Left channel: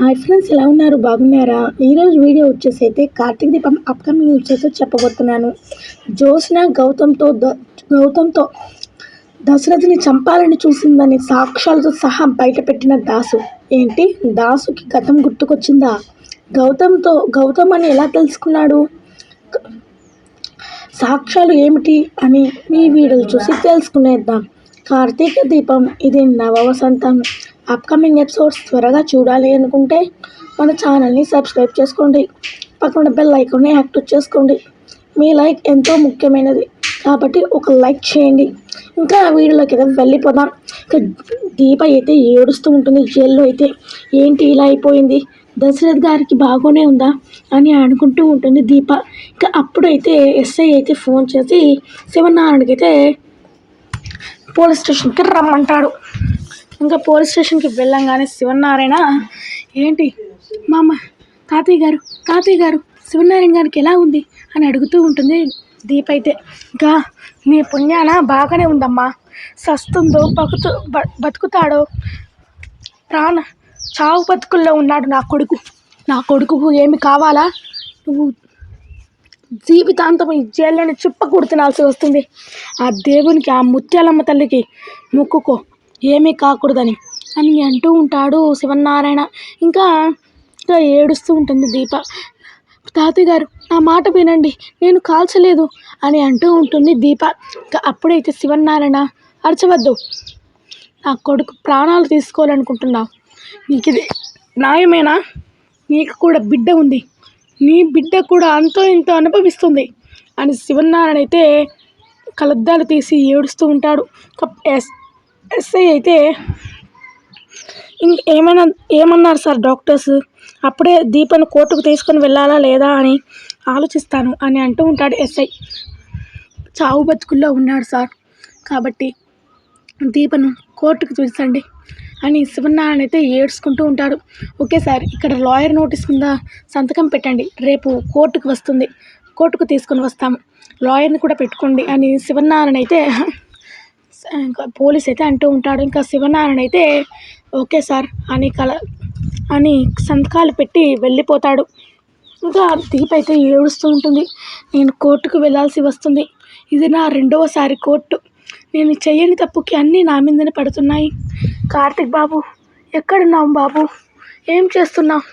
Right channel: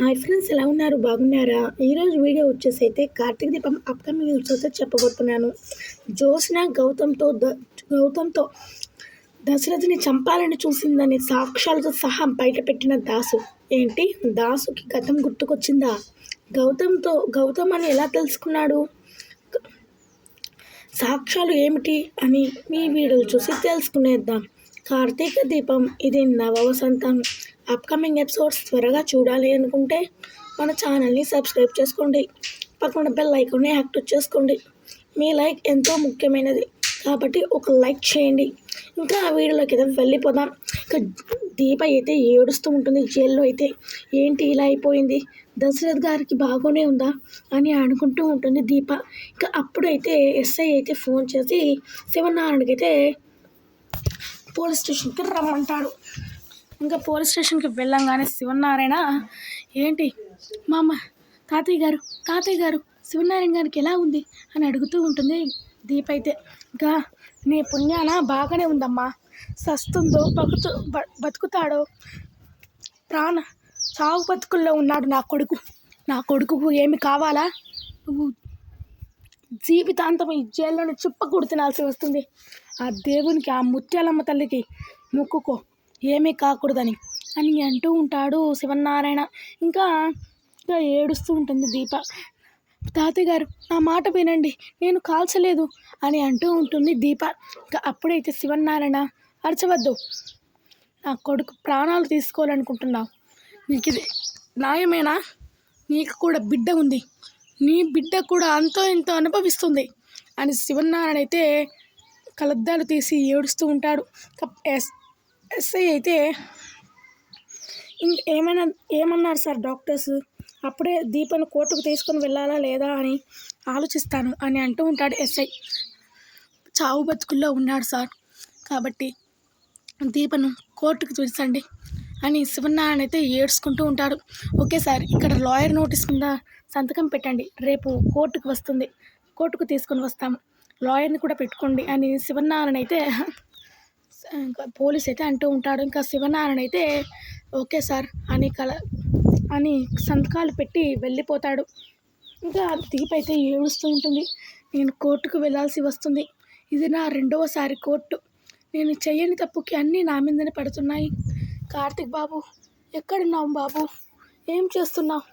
Hi friends, ఎలా ఉన్నారు? బాగున్నారా? ఈరోజు వీడియో వచ్చేసి అయితే కార్తీక దీపం అప్కమింగ్ వచ్చేసి చెప్పబోతున్నాను. జ్యోత్స్న గౌతమ్తో దశరథుని చంపాలని చూసిందని సాక్ష్యాలతో సహా బయటపెట్టిన దాసు. ఏంటి, దాసుకి గతం గుర్తుకొచ్చిందా? గౌతమ్ అని ఎలా తెలుసుకున్నాడు? సాక్ష్యాలు ఏమిటి అని మీ వీడియోలు చూసి తెలుసుకునేద్దాం. కార్తీక దీపం ఇది నవ వసంతం. అప్కమింగ్ ఎపిసోడ్స్ త్వరగా చూడాలి అనుకుంటే మన ఛానల్ని సబ్స్క్రైబ్ చేసుకోండి. పక్కన బెల్ ఐకాన్ని యాక్టివ్ చేసుకోండి. మీ లైక్ ఎంతో ముఖ్యమైనది కాబట్టి ఒక లైక్ చేయండి. ఇంకా వీడియోలోకి అయితే వెళ్ళిపోదాం. ఇంకా దీప అయితే ఏడుస్తూ ఉంటుంది జైల్లో అయితే. ఏంటి ఇలా అయిపోయింది, దశరథ్ గారికి బాగానే ఉందా అని అనుకుంటూ ఉంటుంది దీప. ఇంకా అప్పుడైతే ఎస్ఐ అయితే ఫోన్ చేసి శివనారాయణకి అయితే పోలీస్ స్టేషన్కి రమ్మంటాడు. ఇంకా పోలీస్ స్టేషన్కి వెళ్ళంగానే శివనారాయణ, ఏంటి మామ, తాతయ్య గారు శివనారాయణ గారికి ఎలా ఉంది అని అడుగుతూ ఉంటుంది దీప అయితే. ఇంకా నీ పుణ్యాన బాగానే ఉందమ్మా, సస్తుందో బతుకుతాడో చావు బతుకుల్లో ఉన్నాడు నా కొడుకు ఏమి కావాలా? నువ్వు జీవితాంతం ఈ జైల్లోని చుప్పకూడు తినాల్సి వస్తుంది. ఆ దేవునికి, ఆ ముత్యాలమ్మ తల్లికి మొక్కుకో, ఏమీ కాకూడదని అని అంటూ ఉంటాడు శివనారాయణ. ఇంకా ఏడుస్తూ ఉంటుంది దీప. తాతయ్య గారు, నా మాట వినండి, నేను కాల్చలేదు అని అంటూ ఉంటుంది దీప. ఇంకా అప్పుడైతే శివనారాయణ, అరచవద్దు, నా కొడుకు ప్రాణాలు తీసుకోవాలనుకుంటున్నావు, నీకు ఇది న్యాయమేనా? నీకు కూడా బిడ్డ ఉంది, నీ బిడ్డ కూడా అంతో ఇంతో అనుభవిస్తుంది అని శివనారాయణ అయితే కలద్దాలు తీసి ఏడుస్తూ ఉంటాడు. ఎస్ఐ అయితే ఏమన్నారు సార్ డాక్టర్స్? అప్పుడే దీపను కోర్టుకు తీసుకొని వెళ్ళాలా లేదా అని ఆలోచిస్తాను అని అంటూ ఉంటాడు ఎస్ఐ. చావు బతుకుల్లో ఉన్నాడు సార్, కాబట్టి దీపను కోర్టుకు చూసండి అని శివనారాయణ అయితే ఏడ్చుకుంటూ ఉంటాడు. ఓకే సార్, ఇక్కడ లాయర్ నోటీస్ కింద సంతకం పెట్టండి, రేపు కోర్టుకు వస్తుంది, కోర్టుకు తీసుకొని వస్తాము, లాయర్ని కూడా పెట్టుకోండి అని శివనారాయణ అయితే ఇంకా పోలీస్ అయితే అంటూ ఉంటాడు. ఇంకా శివనారాయణ అయితే ఓకే సార్ అని సంతకాలు పెట్టి వెళ్ళిపోతాడు. ఇంకా దీప అయితే ఏడుస్తూ ఉంటుంది. నేను కోర్టుకు వెళ్ళాల్సి వస్తుంది, ఇది నా రెండవసారి కోర్టు, నేను చెయ్యని తప్పుకి అన్నీ నా మీదనే పడుతున్నాయి. కార్తిక్ బాబు, ఎక్కడున్నావు బాబు, ఏం చేస్తున్నావు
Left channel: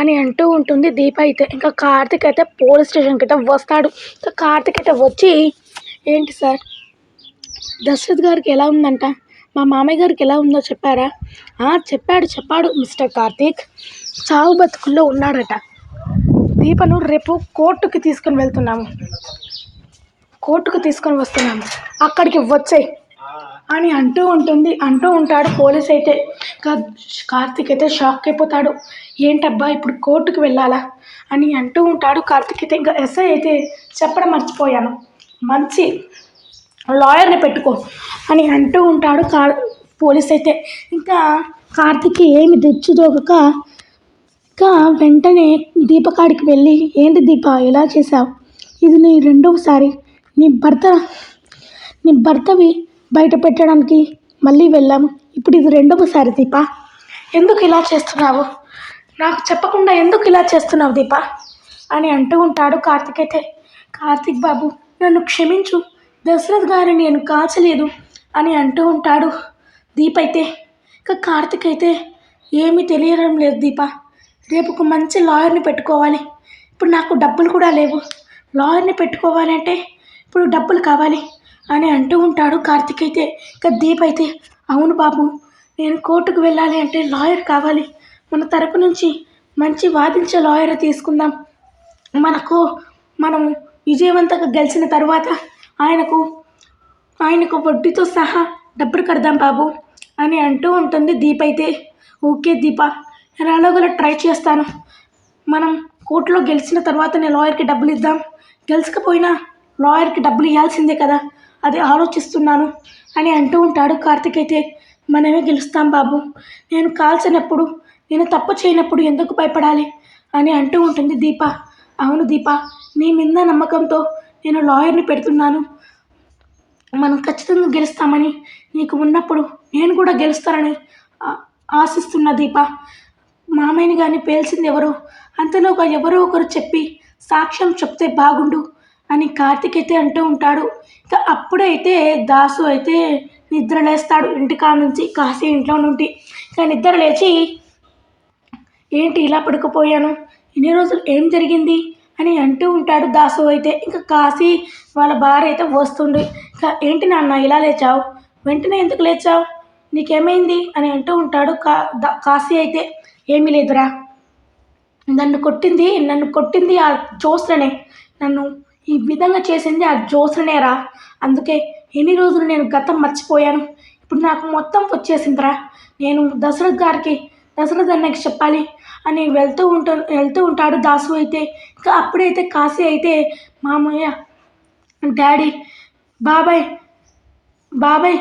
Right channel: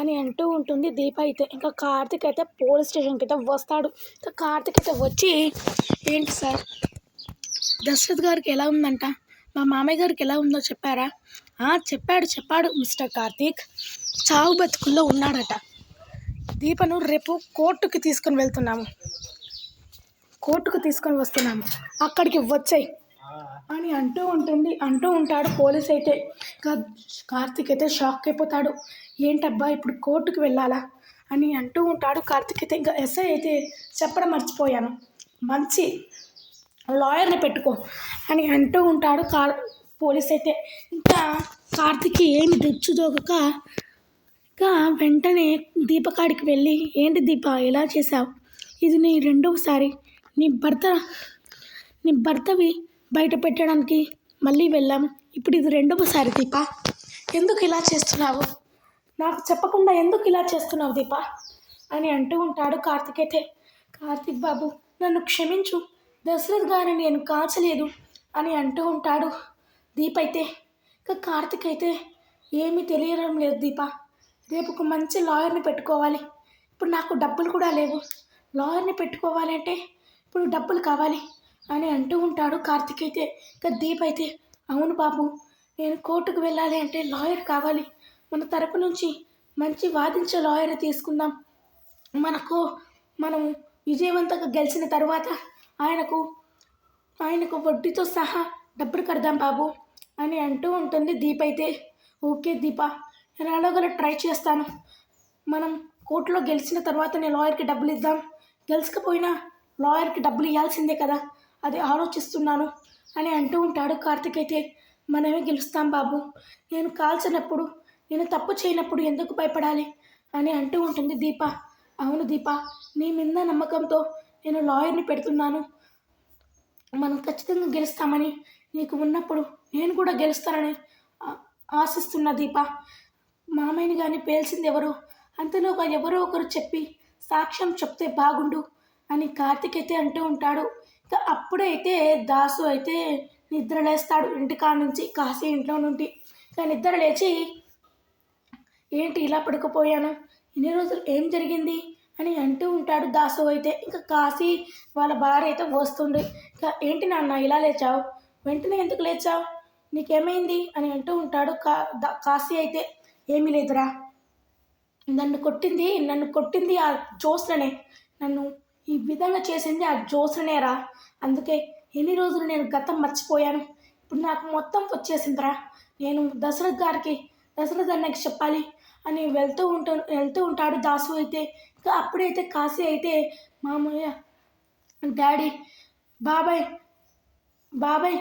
అని అంటూ ఉంటుంది దీప అయితే. ఇంకా కార్తిక్ అయితే పోలీస్ స్టేషన్కి అయితే వస్తాడు. ఇంకా కార్తిక్ అయితే వచ్చి, ఏంటి సార్, దశరథ్ గారికి ఎలా ఉందంట, మా మామయ్య గారికి ఎలా ఉందో చెప్పారా? చెప్పాడు మిస్టర్ కార్తీక్, చావు బతుకుల్లో ఉన్నాడట. దీపను రేపు కోర్టుకు తీసుకొని వస్తున్నాము, అక్కడికి వచ్చాయి అని అంటూ ఉంటాడు పోలీస్ అయితే. కార్తీక్ అయితే షాక్ అయిపోతాడు. ఏంటబ్బా, ఇప్పుడు కోర్టుకు వెళ్ళాలా అని అంటూ ఉంటాడు కార్తీక్ అయితే. ఇంకా ఎస్ఐ అయితే చెప్పడం మర్చిపోయాను, మంచి లాయర్ని పెట్టుకో అని అంటూ ఉంటాడు పోలీస్ అయితే. ఇంకా కార్తీక్ ఏమి తెచ్చుదోగక ఇంకా వెంటనే దీపకాడికి వెళ్ళి, ఏంటి దీప ఎలా చేసావు, ఇది నీ రెండవసారి, నీ భర్తవి బయట పెట్టడానికి మళ్ళీ వెళ్ళాము, ఇప్పుడు ఇది రెండవసారి దీప, ఎందుకు ఇలా చేస్తున్నావు, నాకు చెప్పకుండా ఎందుకు ఇలా చేస్తున్నావు దీప అని అంటూ ఉంటాడు కార్తీక్ అయితే. కార్తీక్ బాబు, నన్ను క్షమించు, దశరథ్ గారిని నేను కాల్చలేదు అని అంటూ ఉంటాడు దీప అయితే. ఇంకా కార్తీక్ అయితే ఏమీ తెలియడం లేదు దీప, రేపు ఒక మంచి లాయర్ని పెట్టుకోవాలి, ఇప్పుడు నాకు డబ్బులు కూడా లేవు, లాయర్ని పెట్టుకోవాలి అంటే ఇప్పుడు డబ్బులు కావాలి అని అంటూ ఉంటాడు కార్తీక్ అయితే. ఇంకా దీప అయితే, అవును బాబు, నేను కోర్టుకు వెళ్ళాలి అంటే లాయర్ కావాలి, మన తరపు నుంచి మంచి వాదించే లాయర్ తీసుకుందాం, మనం విజయవంతంగా గెలిచిన తర్వాత ఆయనకు వడ్డీతో సహా డబ్బులు కడదాం బాబు అని అంటూ ఉంటుంది దీప అయితే. ఓకే దీప, నేను అలాగలా ట్రై చేస్తాను, మనం కోర్టులో గెలిచిన తర్వాత నేను లాయర్కి డబ్బులు ఇద్దాం, గెలుచకపోయినా లాయర్కి డబ్బులు ఇవ్వాల్సిందే కదా, అది ఆలోచిస్తున్నాను అని అంటూ ఉంటాడు కార్తీక్ అయితే. మనమే గెలుస్తాం బాబు, నేను కాల్చినప్పుడు, నేను తప్పు చేయనప్పుడు ఎందుకు భయపడాలి అని అంటూ ఉంటుంది దీప. అవును దీప, నీ మీద నమ్మకంతో నేను లాయర్ని పెడుతున్నాను, మనం ఖచ్చితంగా గెలుస్తామని నీకు ఉన్నప్పుడు నేను కూడా గెలుస్తానని ఆశిస్తున్నా దీప, మామయ్యని కానీ పేల్చింది ఎవరో, అంతలోగా ఎవరో ఒకరు చెప్పి సాక్ష్యం చెప్తే బాగుండు అని కార్తీక్ అయితే అంటూ ఉంటాడు. ఇక అప్పుడైతే దాసు అయితే నిద్ర లేస్తాడు ఇంటికాడ నుంచి, కాశీ ఇంట్లో నుండి. ఇక నిద్ర లేచి ఏంటి ఇలా పడుకుపోయాను, ఇన్ని రోజులు ఏం జరిగింది అని అంటూ ఉంటాడు దాసు అయితే. ఇంకా కాశీ వాళ్ళ భార్య అయితే వస్తుంది. ఇంకా ఏంటి నాన్న ఇలా లేచావు, వెంటనే ఎందుకు లేచావు, నీకేమైంది అని అంటూ ఉంటాడు కాశీ అయితే. ఏమీ లేదురా, నన్ను కొట్టింది ఆ జ్యోత్స్ననే, నన్ను ఈ విధంగా చేసింది ఆ జ్యోత్స్ననేరా, అందుకే ఎన్ని రోజులు నేను గతం మర్చిపోయాను, ఇప్పుడు నాకు మొత్తం వచ్చేసిందిరా, నేను దశరథ్ అన్నకి చెప్పాలి అని వెళ్తూ ఉంటాడు దాసు అయితే. ఇంకా అప్పుడైతే కాశీ అయితే మామయ్య, డాడీ, బాబాయ్ బాబాయ్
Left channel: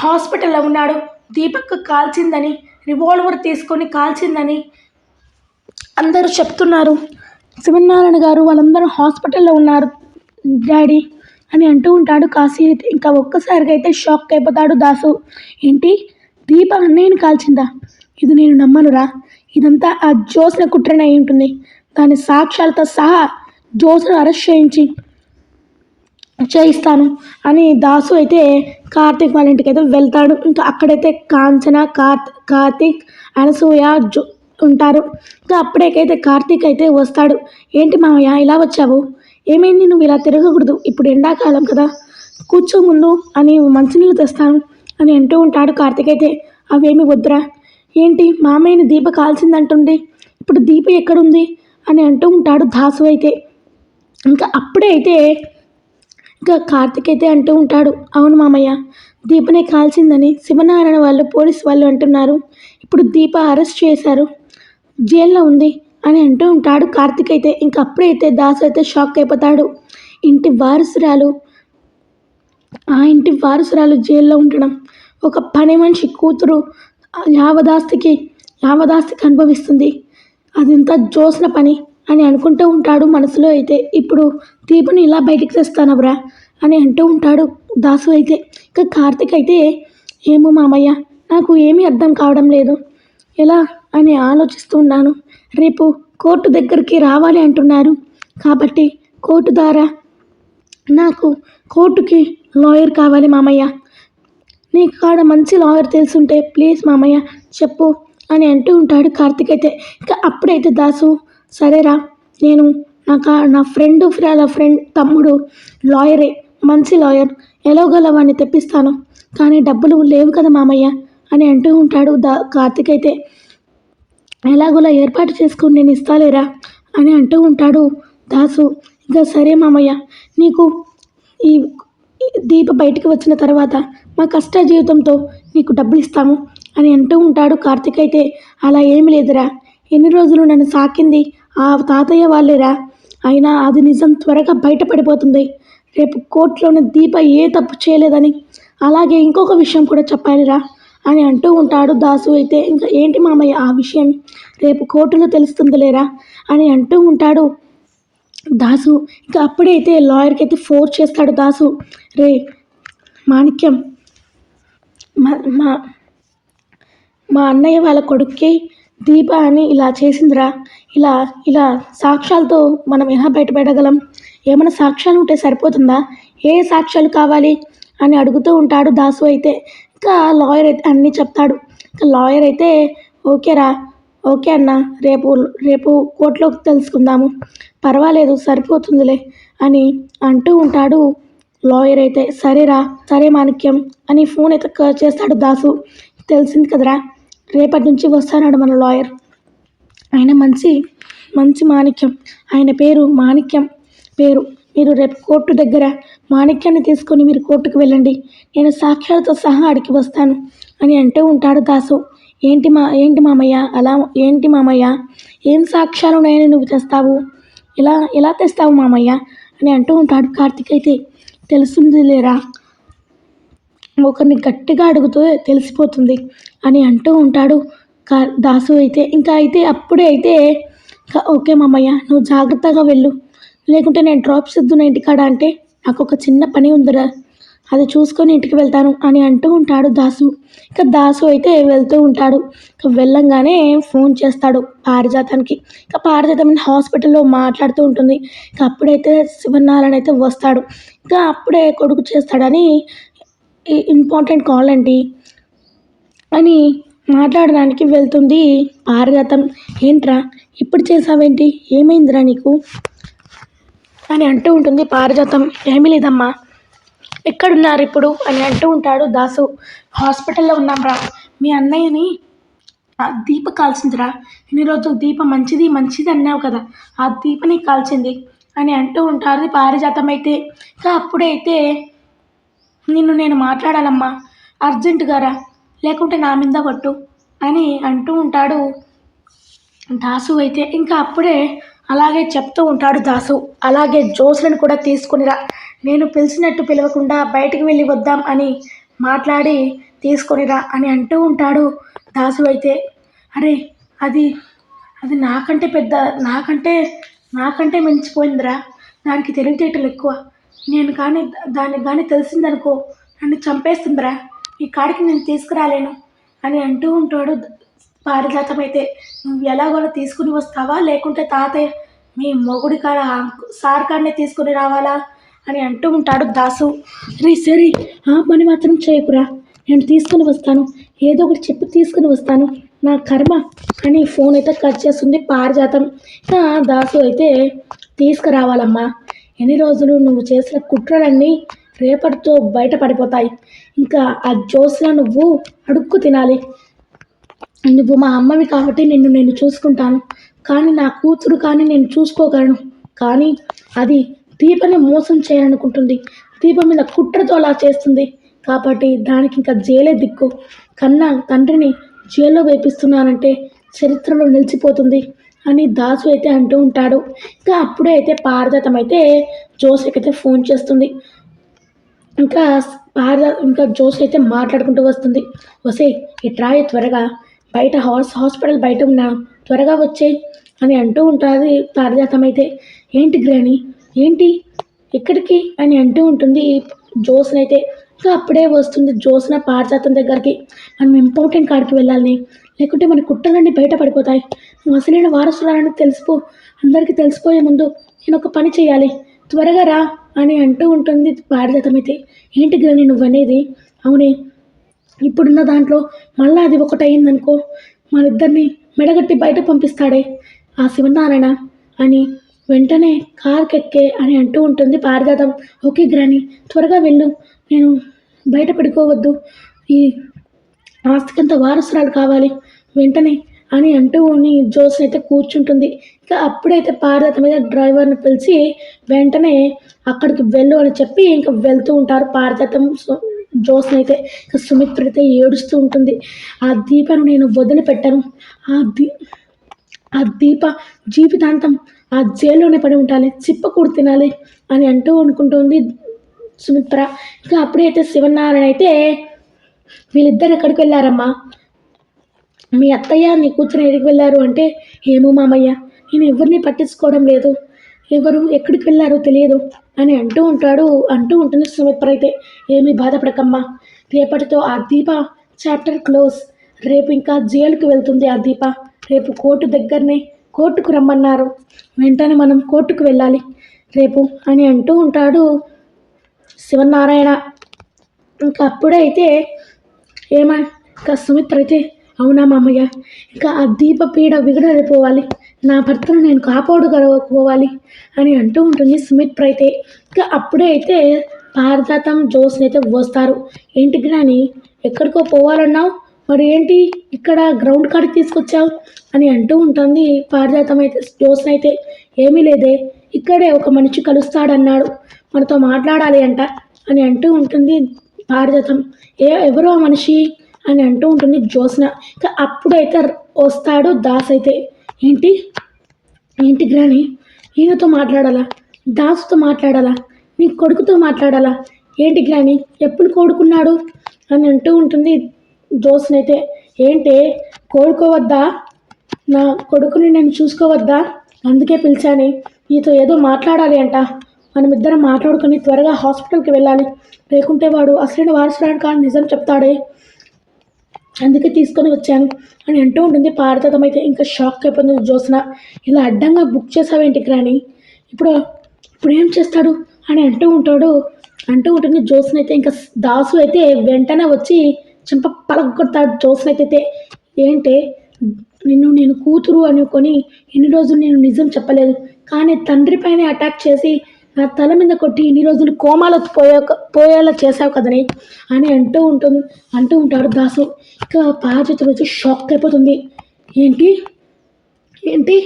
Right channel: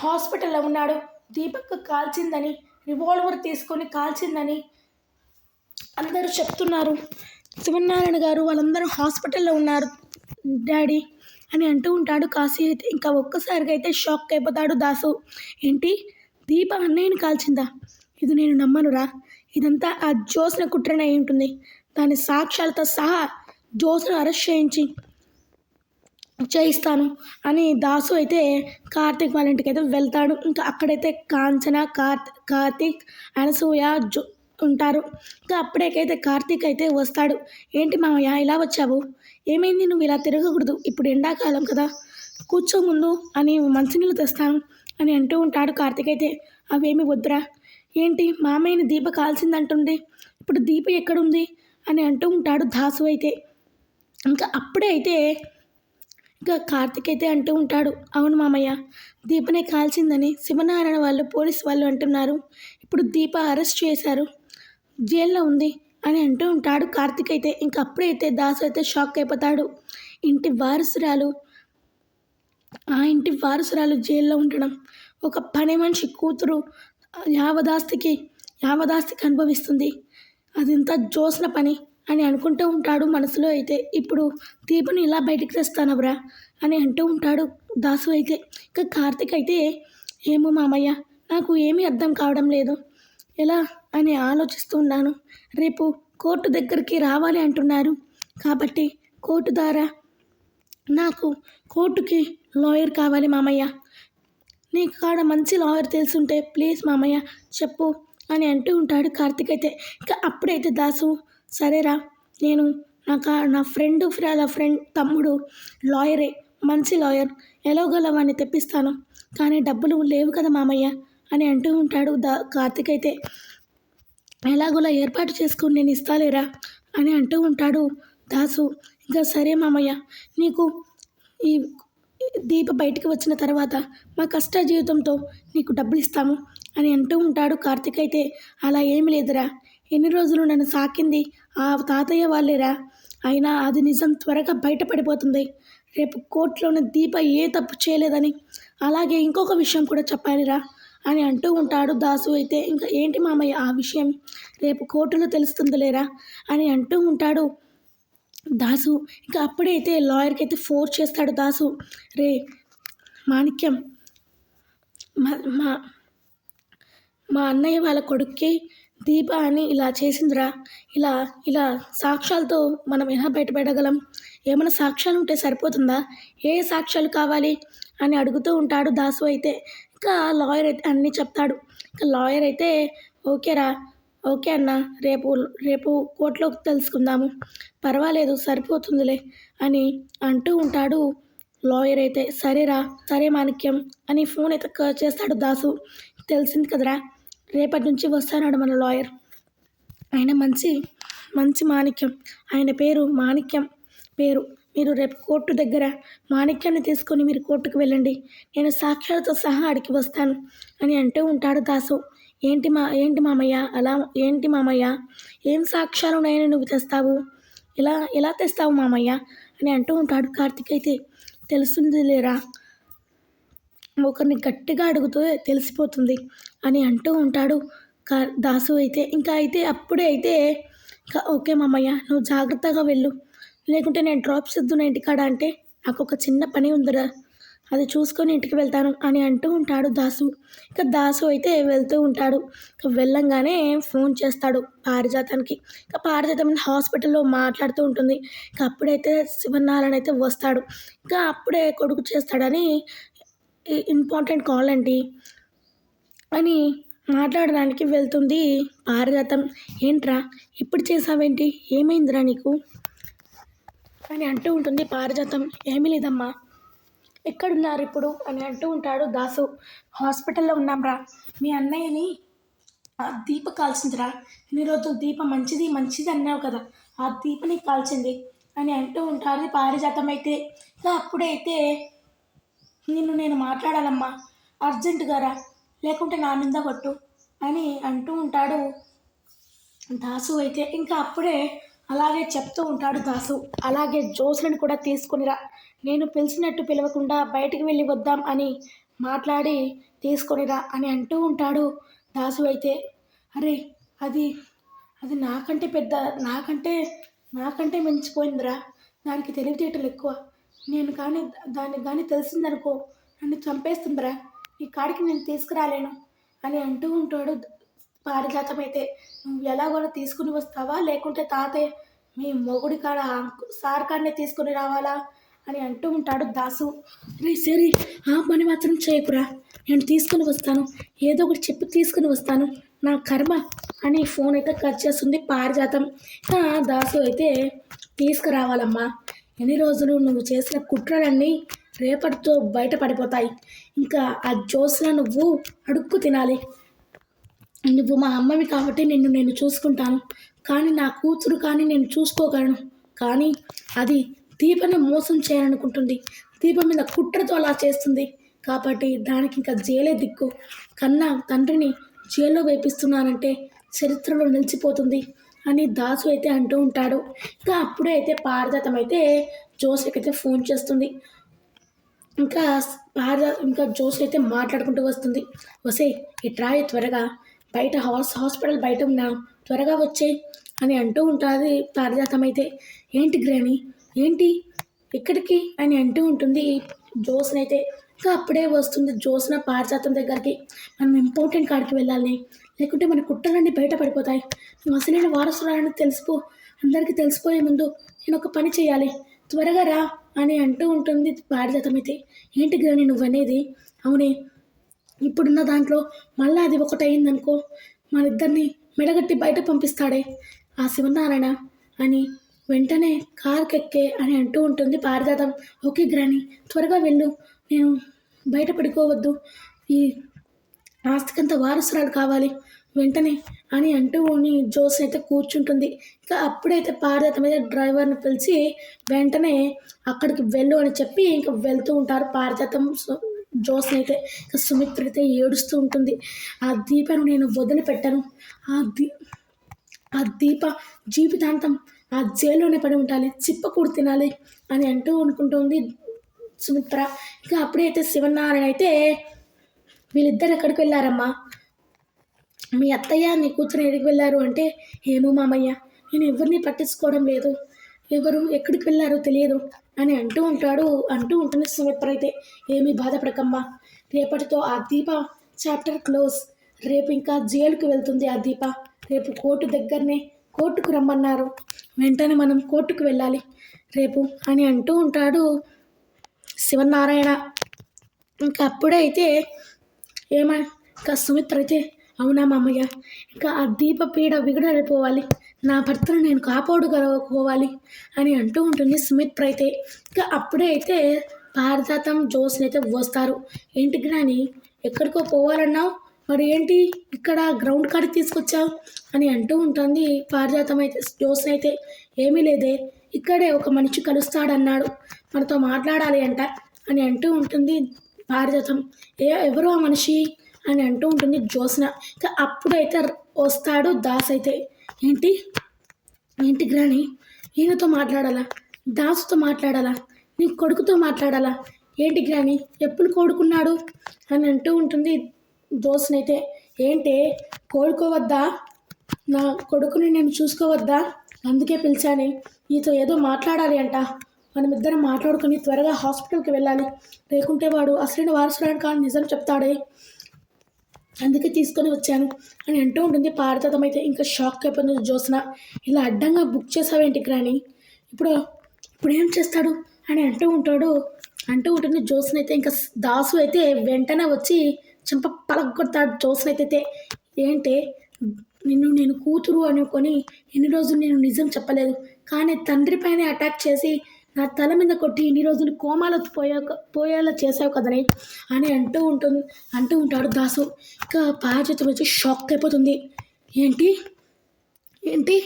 హాస్పిటల్లో ఉన్నాడు, దీపక్ కాల్చిందని, రివాల్వర్ తీసుకొని కాల్చిందని అందరూ చెప్తున్నారు, శివనారాయణ గారు వాళ్ళందరూ హాస్పిటల్లో ఉన్నారు డాడీ అని అంటూ ఉంటాడు కాశీ అయితే. ఇంకా ఒక్కసారిగా అయితే షాక్ అయిపోతాడు దాసు. ఏంటి, దీప అన్నయ్యని కాల్చిందా, ఇది నేను నమ్మనురా, ఇదంతా ఆ జ్యోత్స్న కుట్రనే అయి ఉంటుంది, దాని సాక్ష్యాలతో సహా జ్యోత్స్ను అరెస్ట్ చేయిస్తాను అని దాసు అయితే కార్తీక్ వాళ్ళ ఇంటికి అయితే వెళ్తాడు. ఇంకా అక్కడైతే కాంచన, కార్తీక్, అనసూయ ఉంటారు. ఇంకా అప్పుడేకైతే కార్తీక్ అయితే వస్తాడు. ఏంటి మామయ్య ఇలా వచ్చావు, ఏమైంది, నువ్వు ఇలా తిరగకూడదు, ఇప్పుడు ఎండాకాలం కదా, కూర్చో ముందు అని మంచినీళ్ళు తెస్తాను అని అంటూ ఉంటాడు కార్తీక్ అయితే. అవేమి వద్దురా, ఏంటి మామయ్యని దీప కాల్సిందంటుంది, ఇప్పుడు దీప ఎక్కడుంది అని అంటూ ఉంటాడు దాసు అయితే. ఇంకా అప్పుడే అయితే ఇంకా కార్తీక్ అయితే అంటూ ఉంటాడు, అవును మామయ్య, దీపనే కాల్చిందని శివనారాయణ వాళ్ళు పోలీసు వాళ్ళు అంటున్నారు, ఇప్పుడు దీప అరెస్ట్ చేశారు, జైల్లో ఉంది అని అంటూ ఉంటాడు కార్తీక్ అయితే. ఇంకా అప్పుడైతే దాసు అయితే షాక్ అయిపోతాడు. ఆ ఇంటి వారసురాలు జైల్లో ఉండడం, ఒక పని మనిషి కూతురు యావదాస్తికి అనుభవిస్తుంది, అదంతా జ్యోత్స్న పని అని అనుకుంటూ ఉంటాడు మనసులో అయితే. ఇప్పుడు దీపుని ఇలా బయటికి తెస్తానవరా అని అంటూ ఉంటాడు దాసు అయితే. ఇంకా కార్తీక్ అయితే ఏమో మామయ్య, నాకు ఏమీ అర్థం కావడం లేదు, ఎలా అని ఆలోచిస్తూ ఉన్నాను, రేపు కోర్టు దగ్గరికి రావాలి అంటున్నారు, కాబట్టి కోర్టు ద్వారా నాకు కోర్టుకి లాయర్ కావాలి మామయ్య, నీకు కాడ మంచి లాయర్ తెలుసుంటే ప్లీజ్ మామయ్య చెప్పు అని అంటూ ఉంటాడు కార్తీక్ అయితే. ఇంకా అప్పుడైతే దాసు, సరేరా, నేను నా ఫ్రెండ్ తమ్ముడు లాయరే, మంచి లాయర్, ఎలాగోలా వాడిని తెప్పిస్తాను, కానీ డబ్బులు లేవు కదా మామయ్య అని అంటూ ఉంటాడు కార్తీక్ అయితే. ఎలాగోలా ఏర్పాటు చేసుకుని నేను ఇస్తాలేరా అని అంటూ ఉంటాడు దాసు. ఇంకా సరే మామయ్య, నీకు ఈ దీప బయటికి వచ్చిన తర్వాత మా కష్ట జీవితంతో నీకు డబ్బులు ఇస్తాము అని అంటూ ఉంటాడు కార్తీక్ అయితే. అలా ఏమి లేదురా, ఎన్ని రోజులు నన్ను సాకింది ఆ తాతయ్య వాళ్ళేరా, అయినా అది నిజం త్వరగా బయటపడిపోతుంది, రేపు కోర్టులోని దీప ఏ తప్పు చేయలేదని, అలాగే ఇంకొక విషయం కూడా చెప్పాలిరా అని అంటూ ఉంటాడు దాసు అయితే. ఇంకా ఏంటి మామయ్య ఆ విషయం, రేపు కోర్టులో తెలుస్తుందిలేరా అని అంటూ ఉంటాడు దాసు. ఇంకా అప్పుడైతే లాయర్కి అయితే ఫోర్స్ చేస్తాడు దాసు, రే మాణిక్యం, మా మా అన్నయ్య వాళ్ళ కొడుక్కి దీప అని ఇలా చేసిందిరా, ఇలా సాక్ష్యాలతో మనం ఎలా బయటపెట్టగలం, ఏమైనా సాక్ష్యాలు ఉంటే సరిపోతుందా, ఏ సాక్ష్యాలు కావాలి అని అడుగుతూ ఉంటాడు దాసు అయితే. ఇంకా లాయర్ అయితే అన్నీ చెప్తాడు. ఇంకా లాయర్ అయితే ఓకే అన్న, రేపు కోర్టులో తెలుసుకుందాము, పర్వాలేదు సరిపోతుందిలే అని అంటూ ఉంటాడు లాయర్ అయితే. సరే మాణిక్యం అని ఫోన్ అయితే చేస్తాడు దాసు. తెలిసింది కదరా, రేపటి నుంచి వస్తాడు మన లాయర్, ఆయన మంచి మాణిక్యం, ఆయన పేరు మాణిక్యం పేరు, మీరు రేపు కోర్టు దగ్గర మాణిక్యాన్ని తీసుకొని మీరు కోర్టుకు వెళ్ళండి, నేను సాక్ష్యాలతో సహా అడిగి వస్తాను అని అంటూ ఉంటాడు దాసు. ఏంటి మామయ్య, ఏంటి మామయ్య, ఏం సాక్ష్యాలు ఉన్నాయని నువ్వు తెస్తావు, ఎలా తెస్తావు మామయ్య అని అంటూ ఉంటాడు కార్తీక్ అయితే. తెలుస్తుంది లేరా, ఒకరిని గట్టిగా అడుగుతూ తెలిసిపోతుంది అని అంటూ ఉంటాడు దాసు అయితే. ఇంకా అయితే అప్పుడే అయితే ఓకే మామయ్య, నువ్వు జాగ్రత్తగా వెళ్ళు, లేకుంటే నేను డ్రాప్ సిద్దున ఇంటికాడ అంటే నాకు ఒక చిన్న పని ఉందిరా అది చూసుకొని ఇంటికి వెళ్తాను అని అంటూ ఉంటాడు దాసు. ఇక దాసు అయితే వెళ్తూ ఉంటాడు. ఇక వెళ్ళంగానే ఫోన్ చేస్తాడు పారిజాతానికి. ఇక పారిజాతం హాస్పిటల్లో మాట్లాడుతూ ఉంటుంది. ఇక అప్పుడైతే శివనారాయణ అయితే వస్తాడు. ఇక అప్పుడే కొడుకు చేస్తాడని ఇంపార్టెంట్ కాల్ అండి అని మాట్లాడడానికి వెళ్తుంది పారిజాతం. ఏంట్రా ఇప్పుడు చేసావేంటి, ఏమైందిరా నీకు అని అంటూ ఉంటుంది పారిజాతం. ఏమీ లేదమ్మా, ఎక్కడున్నారు ఇప్పుడు అని అంటూ ఉంటాడు దాసు. హాస్పిటల్లో ఉన్నాంరా, మీ అన్నయ్యని దీప కాల్చిందిరా, ఇన్ని రోజులు దీప మంచిది మంచిది అన్నావు కదా, ఆ దీపని కాల్చింది అని అంటూ ఉంటుంది పారిజాతం అయితే. ఇంకా అప్పుడైతే నిన్ను నేను మాట్లాడాలమ్మా, అర్జెంటుగా రా, లేకుంటే నా మీద కొట్టు అని అంటూ ఉంటాడు దాసు అయితే. ఇంకా అప్పుడే అలాగే చెప్తూ ఉంటాడు దాసు. అలాగే జోస్లను కూడా తీసుకునిరా, నేను పిలిచినట్టు పిలవకుండా బయటికి వెళ్ళి వద్దాం అని మాట్లాడి తీసుకొనిరా అని అంటూ ఉంటాడు దాసు అయితే. అరే అది అది నాకంటే పెద్ద, నాకంటే నాకంటే మించిపోయిందిరా, దానికి తెలివితేటలు ఎక్కువ, నేను కానీ దానికి కానీ తెలిసిందనుకో నన్ను చంపేస్తుందిరా, ఈ కాడికి నేను తీసుకురాలేను అని అంటూ ఉంటాడు పారిజాతం అయితే. నువ్వు ఎలాగోలా తీసుకుని వస్తావా, లేకుంటే తాతయ్య మీ మొగుడి కాడ సార్ కాడనే తీసుకుని రావాలా అని అంటూ ఉంటాడు దాసు. రే సరే ఆ పని మాత్రం చేయకురా, నేను తీసుకుని వస్తాను, ఏదో ఒకటి చెప్పి తీసుకుని వస్తాను, నా కర్మ అని ఫోన్ అయితే కట్ చేస్తుంది పారిజాతం. ఇంకా దాసు అయితే తీసుకురావాలమ్మా, ఎన్ని రోజులు నువ్వు చేసిన కుట్రలన్నీ రేపటితో బయటపడిపోతాయి, ఇంకా ఆ జోస్లా నువ్వు అడుక్కు తినాలి, నువ్వు మా అమ్మవి కాబట్టి నేను చూసుకుంటాను, కానీ నా కూతురు కానీ నేను చూసుకోగలను, కానీ అది దీపని మోసం చేయాలనుకుంటుంది, దీపం మీద కుట్రతో అలా చేస్తుంది, కాబట్టి దానికి ఇంకా జైలే దిక్కు, కన్నా తండ్రిని జైల్లో వేపిస్తున్నానంటే చరిత్రలో నిలిచిపోతుంది అని దాసు అయితే అంటూ ఉంటాడు. ఇంకా అప్పుడే అయితే పారిజాతం అయితే జోస్కి అయితే ఫోన్ చేస్తుంది. ఇంకా ఇంకా జోస్ అయితే మాట్లాడుకుంటూ వస్తుంది. వసే ఇట్రాయే త్వరగా, బయట హాస్పిటల్ బయట ఉన్నాను, త్వరగా వచ్చే అని అంటూ ఉంటుంది పారిజాతం అయితే. ఏంటి గ్రాని, ఏంటి ఎక్కడికి అని అంటూ ఉంటుంది జోస్నైతే. ఇంకా అప్పుడే వస్తుంది జోస్న పారిజాతం దగ్గరికి. మనం ఇంపార్టెంట్ కాడికి వెళ్ళాలని, లేకుంటే మన కుట్రలన్నీ బయటపడిపోతాయి, నువ్వు అసలైన వారసురాలని అందరికీ తెలిసిపోయే ముందు నేను ఒక పని చేయాలి, త్వరగా రా అని అంటూ ఉంటుంది పారిజాతం అయితే. ఏంటి గ్రాని నువ్వనేది, అవునే ఇప్పుడున్న దాంట్లో మళ్ళీ అది ఒకటి అయిందనుకో, మన ఇద్దరిని మెడగట్టి బయట పంపిస్తాడే ఆ శివనారాయణ అని వెంటనే కార్కెక్కే అని అంటూ ఉంటుంది పారిజాతం. ఓకే గ్రాని త్వరగా వెళ్ళు, నేను బయట పడుకోవద్దు, ఈ ఆస్తికంత వారసురాలు కావాలి వెంటనే అని అంటూ జోస్ అయితే కూర్చుంటుంది. ఇంకా అప్పుడైతే పారిజాతం మీద డ్రైవర్ని పిలిచి వెంటనే అక్కడికి వెళ్ళు అని చెప్పి ఇంకా వెళ్తూ ఉంటారు పారిజాతం జోస్ని అయితే. ఇంకా సుమిత్ర అయితే ఏడుస్తూ ఉంటుంది. ఆ దీపను నేను వదిలిపెట్టాను, ఆ దీప జీవితాంతం ఆ జైల్లోనే పడి ఉండాలి, చిప్పకూడు తినాలి అని అంటూ అనుకుంటుంది సుమిత్ర. ఇంకా అప్పుడైతే శివనారాయణ అయితే వీళ్ళిద్దరు ఎక్కడికి వెళ్ళారమ్మా, మీ అత్తయ్య నీ కూతురు ఎక్కడికి వెళ్ళారు అంటే, ఏమో మామయ్య నేను ఎవరిని పట్టించుకోవడం లేదు, ఎవరు ఎక్కడికి వెళ్ళారో తెలియదు అని అంటూ ఉంటుంది సుమిత్ర అయితే. ఏమీ బాధపడకమ్మా, రేపటితో ఆ దీప చాప్టర్ క్లోజ్, రేపు ఇంకా జైలుకి వెళ్తుంది ఆ దీప, రేపు కోర్టుకు రమ్మన్నారు, వెంటనే మనం కోర్టుకు వెళ్ళాలి రేపు అని అంటూ ఉంటాడు శివనారాయణ. ఇంకా అప్పుడే అయితే ఇంకా సుమిత్ర అయితే, అవునా మామయ్య, ఇంకా ఆ దీప పీడ విగడలిపోవాలి, నా భర్తను నేను కాపాడుకోవాలి అని అంటూ ఉంటుంది సుమిత్ర అయితే. ఇంకా అప్పుడే అయితే పారిజాతం జోస్ని అయితే వస్తారు. ఏంటి గ్రాని ఎక్కడికో పోవాలన్నావు, మరి ఏంటి ఇక్కడ గ్రౌండ్ కాడికి తీసుకొచ్చావు అని అంటూ ఉంటుంది పారిజాతం అయితే జోస్ని అయితే. ఏమీ లేదే, ఇక్కడే ఒక మనిషి కలుస్తాడన్నాడు, మనతో మాట్లాడాలి అంట అని అంటూ ఉంటుంది పారిజాతం. ఎవరో మనిషి అని అంటూ ఉంటుంది జోస్న. ఇంకా అప్పుడైతే వస్తాడు దాస్ అయితే. ఏంటి గ్రాని, ఈయనతో మాట్లాడాలా, దాసుతో మాట్లాడాలా, నీ కొడుకుతో మాట్లాడాలా, ఏంటి గ్రాని ఎప్పుడు కోడుకున్నాడు అని అంటూ ఉంటుంది జోస్నైతే. ఏంటి కోడుకోవద్దా, నా కొడుకుని నేను చూసుకోవద్దా, అందుకే పిలిచాను, నీతో ఏదో మాట్లాడాలి అంట, మనమిద్దరం మాట్లాడుకొని త్వరగా హాస్పిటల్కి వెళ్ళాలి, లేకుంటే వాడు అసలైన వారసురాలు కానీ నిజం చెప్తాడే, అందుకే తీసుకొని వచ్చాను అని అంటూ ఉంటుంది. పారిజాతం ఇంకా షాక్ అయిపోతుంది. జ్యోత్స్న, ఇలా అడ్డంగా బుక్ చేసావేంటి గ్రాని, ఇప్పుడు ఇప్పుడు ఏం చేస్తాడు అని అంటూ ఉంటుంది. జ్యోత్స్న ఇంకా దాసు అయితే వెంటనే వచ్చి చెంప పలగొడతాడు. జ్యోత్స్న అయితే ఏంటే, నిన్ను నేను కూతురు అనుకొని ఇన్ని రోజులు నేను నిజం చెప్పలేదు, కానీ తండ్రి పైన అటాక్ చేసి నా తల మీద కొట్టి ఇన్ని రోజులు కోమాలో పోయేలా చేసావు కదని అని అంటూ ఉంటాడు దాసు. ఇక పారిజాతం వచ్చి షాక్ అయిపోతుంది. ఏంటి ఏంటి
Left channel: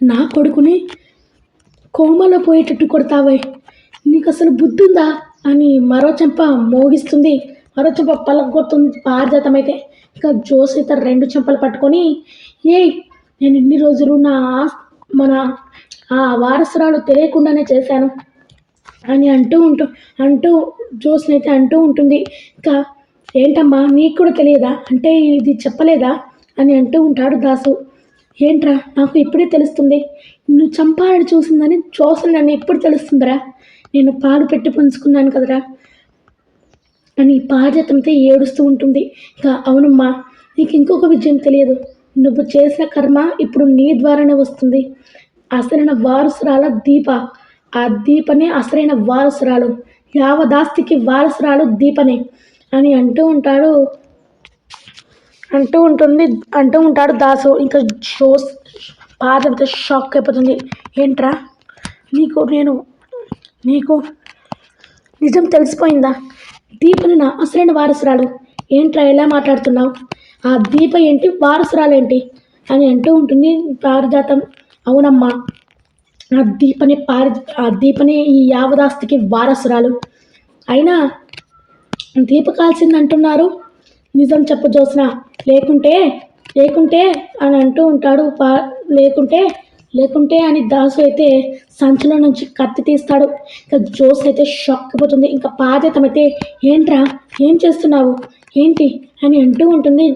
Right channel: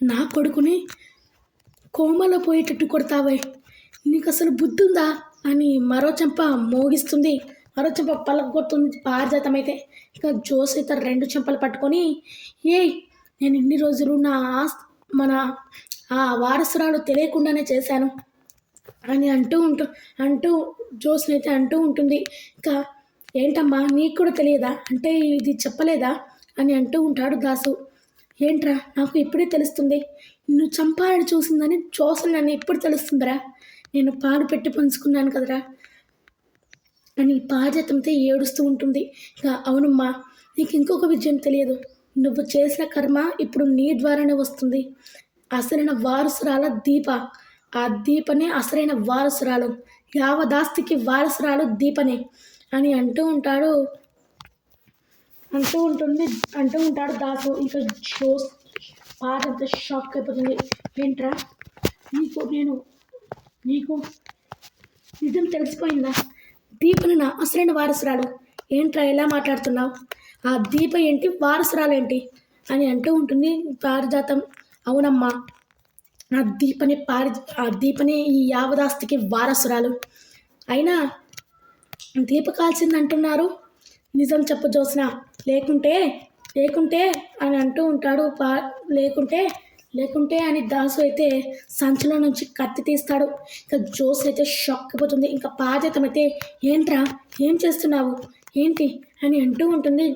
నా కొడుకుని కోమాలో పోయేటట్టు కొడతావే, నీకు అసలు బుద్ధి ఉందా అని మరో చెంప మోగిస్తుంది. మరో చెంప పలగొడుతుంది పారిజాతం అయితే. ఇక జోస్ అయితే రెండు చెంపలు పట్టుకొని, నేను ఇన్ని రోజులు మన ఆ వారసురాలు తెలియకుండానే చేశాను అని అంటూ జోస్ని అయితే అంటూ ఉంటుంది. ఇంకా ఏంటమ్మా నీకు కూడా తెలియదా, అంటే ఇది చెప్పలేదా అని అంటూ ఉంటాడు దాసు. ఏంట్రా నాకు ఇప్పుడే తెలుస్తుంది, నువ్వు చంపాలని చూసిందని జోస్ని నన్ను ఎప్పుడు తెలుస్తుందిరా, నేను పాలు పెట్టి పంచుకున్నాను కదరా అని పారిజాతంతో ఏడుస్తూ ఉంటుంది. ఇక అవునమ్మా, నీకు ఇంకొక విషయం తెలియదు, నువ్వు చేసిన కర్మ ఇప్పుడు నీ ద్వారానే వస్తుంది. అసలైన వారసురాల దీప, ఆ దీపనే అసలైన వారసురాలు, యావదాస్తికి వారసురాలు దీపనే అని అంటూ ఉంటాడు దాసు. ఇంకా జోస్ పారిజాతంతో షాక్ అయిపోతుంది. ఏంట్రా నీకు నిజం తెలిసిపోయిందా, దీపని నా అసలైన వారసురాలు, ఏంట్రా ఎలా మాట్లాడుతున్నావు, ఆ దీప ఏంటి వారసురాలేంటి అని అంటూ ఉంటుంది పారిజాతం. అవునమ్మా, ఆ దీపనే ఈ యావదాస్తికి వారసురాలు. అయినా దీప కాల్చింది అంటున్నారు, నిజం చెప్పు జ్యోత్స్న, లేకుంటే అని అంటూ ఉంటాడు. లేకుంటే అని దాసు అయితే సంచిలో నుంచి కత్తి తీస్తాడు. ఇంకా జోస్ అయితే షాక్ అయిపోతుంది. ఇంకా పారిజాతం అయితే ఏంట్రా ఏం చేస్తున్నావు ఏంటి అని అంటూ ఉంటుంది.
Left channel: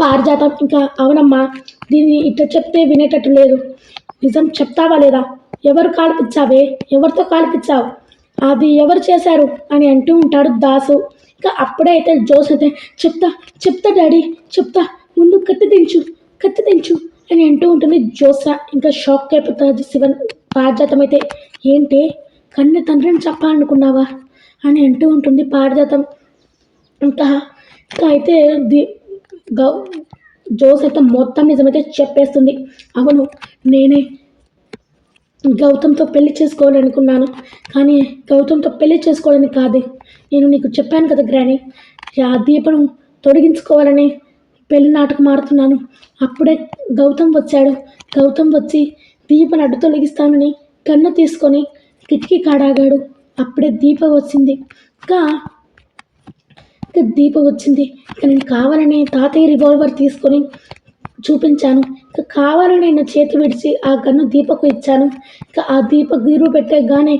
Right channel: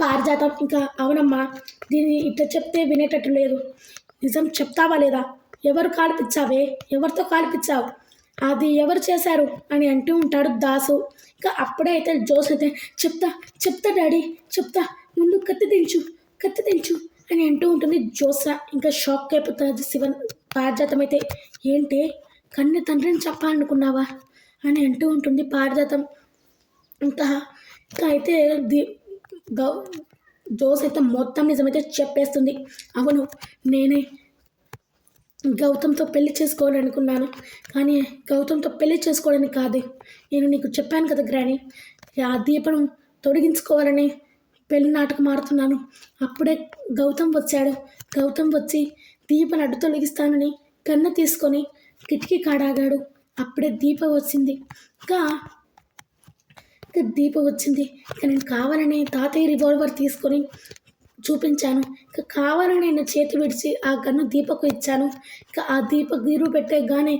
పారిజాతం ఇంకా అవునమ్మా, దీన్ని ఇట్లా చెప్తే వినేటట్టు లేదు, నిజం చెప్తావా లేదా, ఎవరితో కాల్పించావు, అది ఎవరు చేశారు అని అంటూ ఉంటాడు దాసు. ఇంకా అప్పుడే అయితే జోస్ అయితే చెప్తా డాడీ చెప్తా, ముందు కత్తి దించు అని అంటూ ఉంటుంది. జోస ఇంకా షాక్ అయిపోతుంది. పారిజాతం అయితే ఏంటి కన్య తండ్రిని చెప్పాలనుకున్నావా అని అంటూ ఉంటుంది పారిజాతం. ఇంకా అయితే జోస్ అయితే మొత్తం నిజమైతే చెప్పేస్తుంది. అవును, నేనే గౌతమ్తో పెళ్లి చేసుకోవాలనుకున్నాను, కానీ గౌతమ్తో పెళ్లి చేసుకోవడానికి కాదు, నేను నీకు చెప్పాను కదా గ్రాని, ఆ దీపను తొలగించుకోవాలని పెళ్లి నాటకం ఆడుతున్నాను. అప్పుడే గౌతమ్ వచ్చి దీపను అడ్డు తొలగిస్తానని కన్ను తీసుకొని కిటికీ కాడాగాడు. అప్పుడే దీప వచ్చింది. ఇంకా నేను కావాలని తాతయ్య రివాల్వర్ తీసుకొని చూపించాను. ఇంకా కావాలని నేను చేతి విడిచి ఆ గన్ను దీపకు ఇచ్చాను. ఇంకా ఆ దీప గీరు పెట్టగానే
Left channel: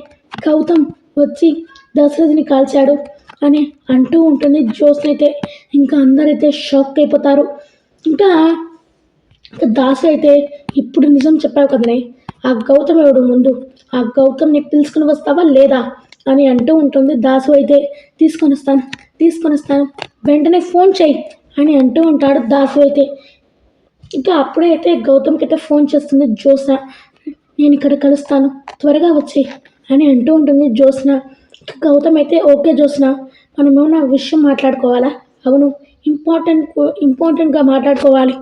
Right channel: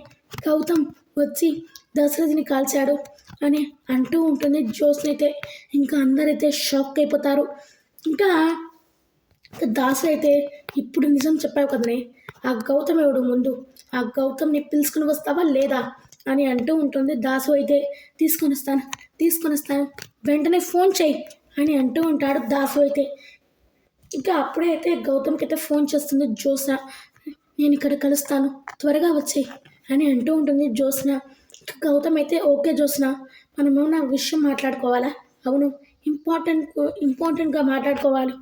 గౌతమ్ వచ్చి దశరథిని కాల్చాడు అని అంటూ ఉంటుంది జ్యోత్స్న అయితే. ఇంకా అందరైతే షాక్ అయిపోతారు. ఇంకా దాసు అయితే ఇప్పుడు నిజం చెప్పావు కదనే, ఆ గౌతమ్ ఎవడు, ముందు ఆ గౌతమ్ని పిలుచుకుని వస్తావా లేదా అని అంటూ ఉంటుంది. దాసు అయితే తీసుకొని వస్తాను వెంటనే ఫోన్ చేయి అని అంటూ ఉంటాడు దాసు అయితే. ఇంకా అప్పుడే అయితే గౌతమ్కి అయితే ఫోన్ చేస్తుంది జ్యోత్స్న. నేను ఇక్కడ కలుస్తాను, త్వరగా వచ్చేయి అని అంటూ ఉంటుంది జ్యోత్స్న. గౌతమ్ అయితే ఓకే జ్యోత్స్న, మనం ఏమైనా విషయం మాట్లాడుకోవాలా, అవును ఇంపార్టెంట్గా మాట్లాడుకోవాలి,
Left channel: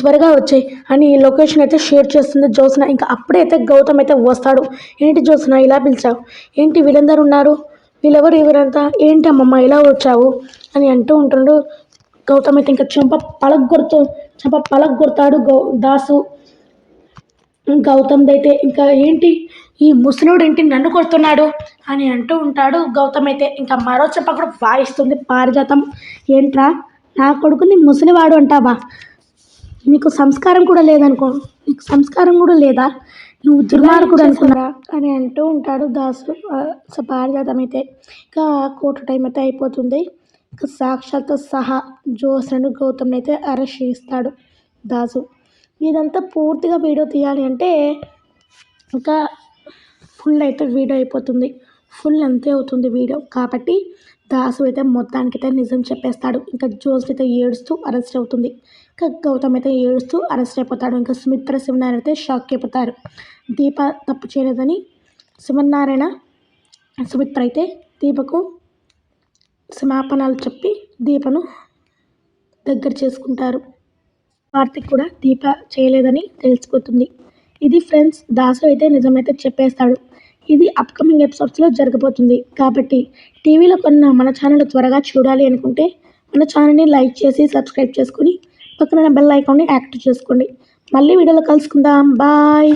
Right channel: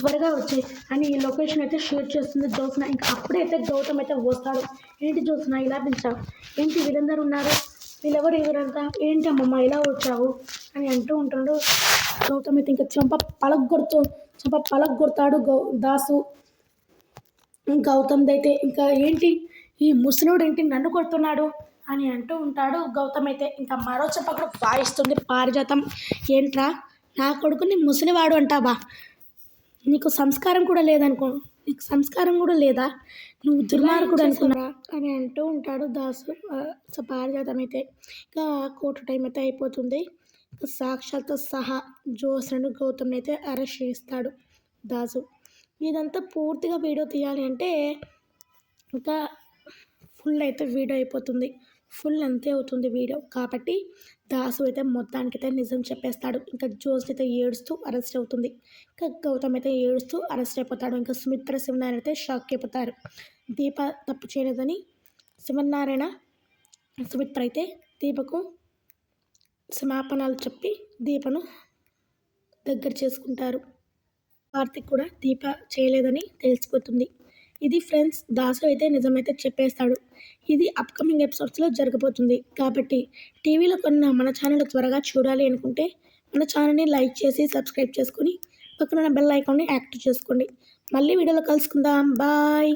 త్వరగా వచ్చాయి అని లొకేషన్ అయితే షేర్ చేస్తుంది జ్యోత్స్న. ఇంకా అప్పుడే అయితే గౌతమ్ అయితే వస్తాడు. ఏంటి జ్యోత్స్న ఇలా పిలిచావు, ఏంటి వీళ్ళందరూ ఉన్నారు, వీళ్ళెవరు, ఎవరంతా, ఏంటి అమ్మమ్మ ఇలా వచ్చావు అని అంటూ ఉంటాడు. గౌతమ్ అయితే ఇంకా చెంప పలగొడతాడు దాసు. గౌతమ్ అయితే ఇంకా ఏంటి ఈ ముసలోడు ఏంటి నన్ను కొడుతున్నాడు అని అంటూ ఉంటాడు గౌతమ్ అయితే. ఇంకా మరో చెంప కూడా వాయిస్తుంది పారిజాతం. ఏంట్రా నా కొడుకుని ముసలివాడు అంటావా, నీకు సంస్కారం కూడా లేదా, నువ్వు దుర్మార్గుడు అనుకున్నారా అని అంటూ ఉంటాడు దాసు. పారిజాతం అయితే ఇంకా కోర్టు టైం అయితే అయిపోతుంది. ఇంకా సాక్షాత్తు సహా జ్యోత్స్నను గౌతమ్ అయితే అరెస్ట్ చేస్తాడు దాసు. ఇదంతా పూర్తిగా వీడియో తీయాలి అంటే ఇంకా ఫుల్ అయితే వీడియో అయిపోతుంది. ఫుల్ అంతే అవుతుంది వీడియో. కాబట్టి దాసు అయితే మొత్తానికైతే నిజం చెప్పేస్తాడు. ఇంకా జోస్ అయితే ఏడుస్తూ అరెస్ట్ అవుతుంది. ఇంకా గౌతమ్ అయితే ఏడుస్తూ అరెస్ట్ అయిపోతాడు. ఇంకా సుమిత్ర శివనారాయణ అయితే షాక్ అయిపోతారు. దీప తప్పు చేయలేదని శివనారాయణ సుమిత్ర అయితే దీపకు క్షమాపణలు చెప్పి దీపను దగ్గర చేసుకుంటారు. కార్తిక్ కూడా దీప చేయలేదని తెలిసిపోతుంది. ఇది ఫ్రెండ్స్, దాసు అయితే నిజమైతే చెప్పేస్తాడు. ఇది అప్కమింగ్ ఎపిసోడ్స్లో జరగబోతుంది. కాబట్టి టీవీలో కొన్న మన ఛానల్ త్వరగా చూడాలి అనుకుంటే మన ఛానల్ని లైక్ చేసి సబ్స్క్రైబ్ చేసుకుని పక్కన బెల్ ఐకాన్ని యాక్టివ్ చేసుకోండి. మళ్ళీ వీడియోలో కలుసుకుందాం. బాయ్.